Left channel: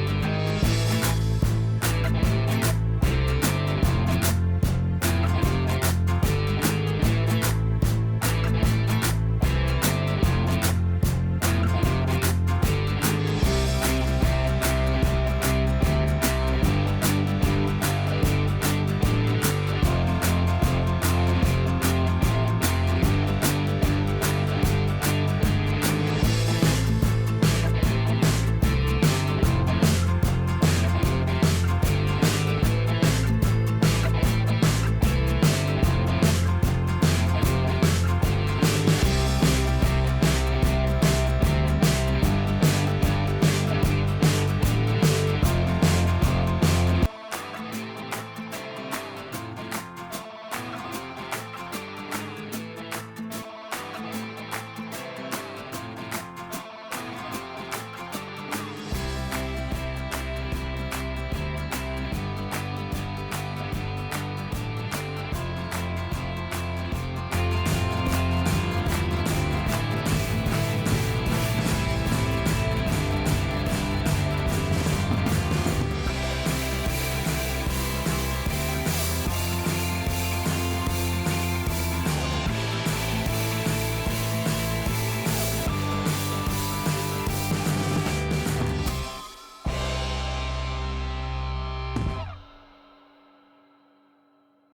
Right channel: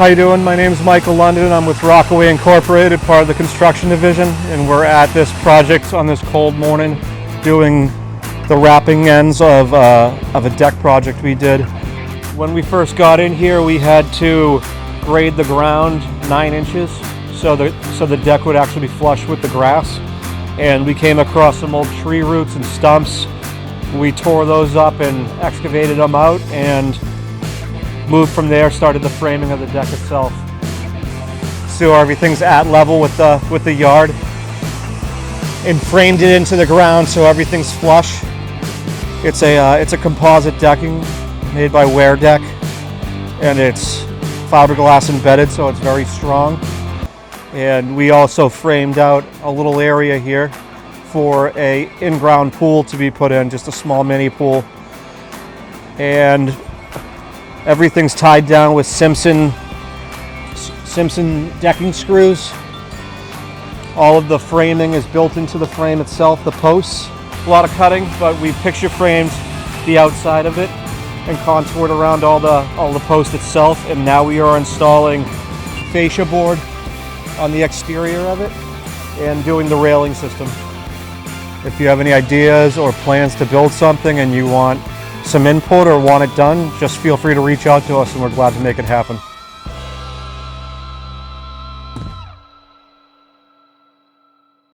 How you doing? My name is Michael London. I'm with Rockaway Inc, part of the construction division, and we're at this project on this cold morning doing the wrapping ends of a deck project we did. When we first got in here, we had to grade the ground 9 inches so the deck would actually be flush with the grass. And we came across some old tree roots and stumps. We tore those up and excavated them out and moved from there, started the framing of the deck itself. So everything's at level with the yard, and framed it into the ground so everything's flush. It's a composite decking made by Wear Deck, and it's fiberglass embedded, so it's very strong. And we also framed out a little area here for a in-ground pool to be put in, just a small mini pool. And everything's tied down with Simpson decking screws. All of the framing is built into the frame itself, the posts. A lot of cutting, but we picture framed the outside of it and contoured around all the post itself. And now we are installing fascia board on the exterior of it and doing the railing system. If you have any ideas or plans to build something and you want some input or want it done, just feel free to reach out to us and we're glad to make it happen.